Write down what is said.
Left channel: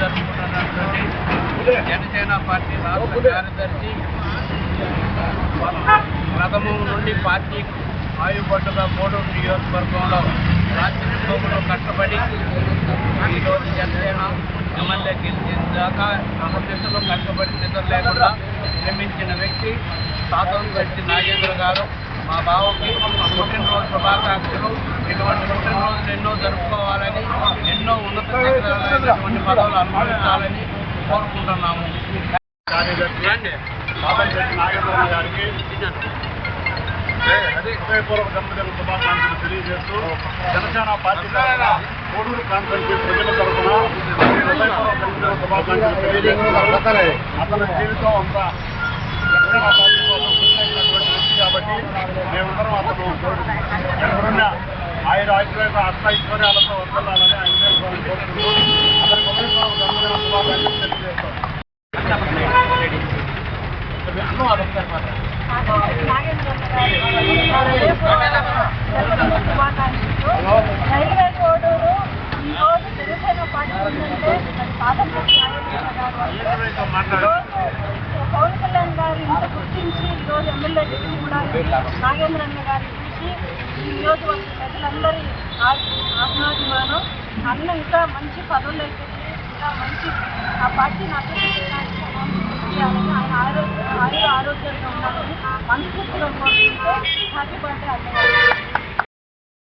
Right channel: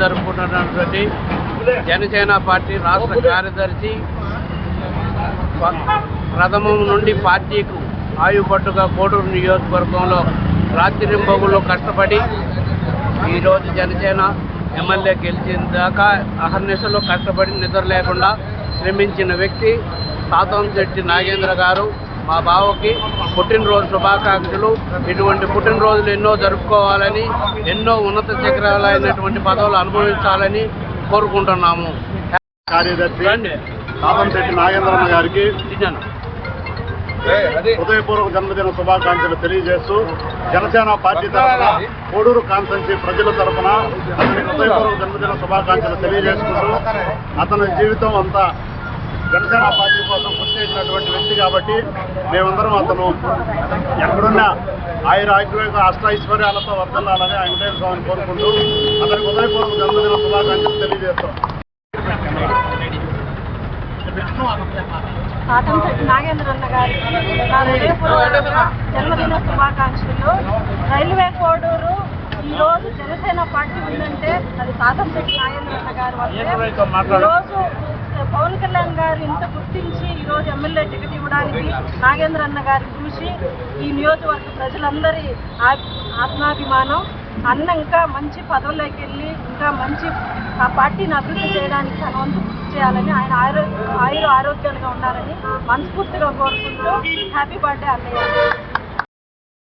జరుపుకుంటున్నటువంటి Janasena party రాష్ట్ర కార్యదర్శి ప్రథమం నుండి పార్టీకు ఆయుపట్టుగా కోడూరు నియోజకవర్గంలో రాత్రింబగులు కష్టపడి ఈరోజు జనసేన ఎమ్మెల్యే గెలిచిన దాకా అహర్నిశలు కష్టపడి నిద్ర లేకుండా శ్రమించిన వ్యక్తి తాతంశెట్టి నాగేంద్ర గారు. మా బావకి పుట్టినరోజు శుభాకాంక్షలు. ఇటువంటి పుట్టినరోజులు ఎన్నో జరుపుకోవాలని, ఎన్నో ఉన్నత శిఖరాలైనటువంటి పదవులు అనుభవించాలని కోరుకుంటున్నాము. కార్యదర్శి తాతంశెట్టి నాగేంద్రన్న గారికి హృదయపూర్వక జన్మదిన శుభాకాంక్షలు తెలియజేస్తూ జనసేన పార్టీ తరఫున కోడూరు కాన్స్టిట్యున్సీ ప్రజల తరఫున హృదయపూర్వక జన్మదిన శుభాకాంక్షలు తెలియజేసుకుంటూ అతని జీవితం అంతా జనసేన పార్టీ కోసం కృషి చేసినటువంటి వ్యక్తి కాబట్టి మేమందరం అతను ఎక్కడున్నా అష్టైశ్వర్యాలతో వర్తిల్లాలని వెంకటేశ్వర స్వామిని కోరుకుంటూ అతనికి హృదయపూర్వక జన్మదిన శుభాకాంక్షలు తెలియజేస్తాం. తాతంశెట్టి నాగేంద్రన్న గారి జన్మదిన శుభాకాంక్షలు. రైల్వే కోడూరు ఈరోజు జనసేన పార్టీ ఉందంటే అది తాతంశెట్టి నాగేంద్రన్న గారు వల్లే. ఈరోజు పవన్ కళ్యాణ్ గారు ఇంత గుర్తించి ఈరోజు ఎమ్మెల్యే టికెట్ ఇవ్వడానికి నాగేంద్రన్న గారు చూసి ఈ నియోజకవర్గ ప్రజలందరి ఆత్మాభిమానం అన్న ఇంకా మంచి పదవుల్లోకి వెళ్ళి ఇంకా మంచి ఆ పార్టీని అభివృద్ధి చేయడానికి తన వంతు కృషి చేయాలని, ఆయన ఆరోగ్యంగా ఉండాలని మనస్ఫూర్తిగా కోరుకుంటూ హ్యాపీ బర్త్డే అన్నయ్య.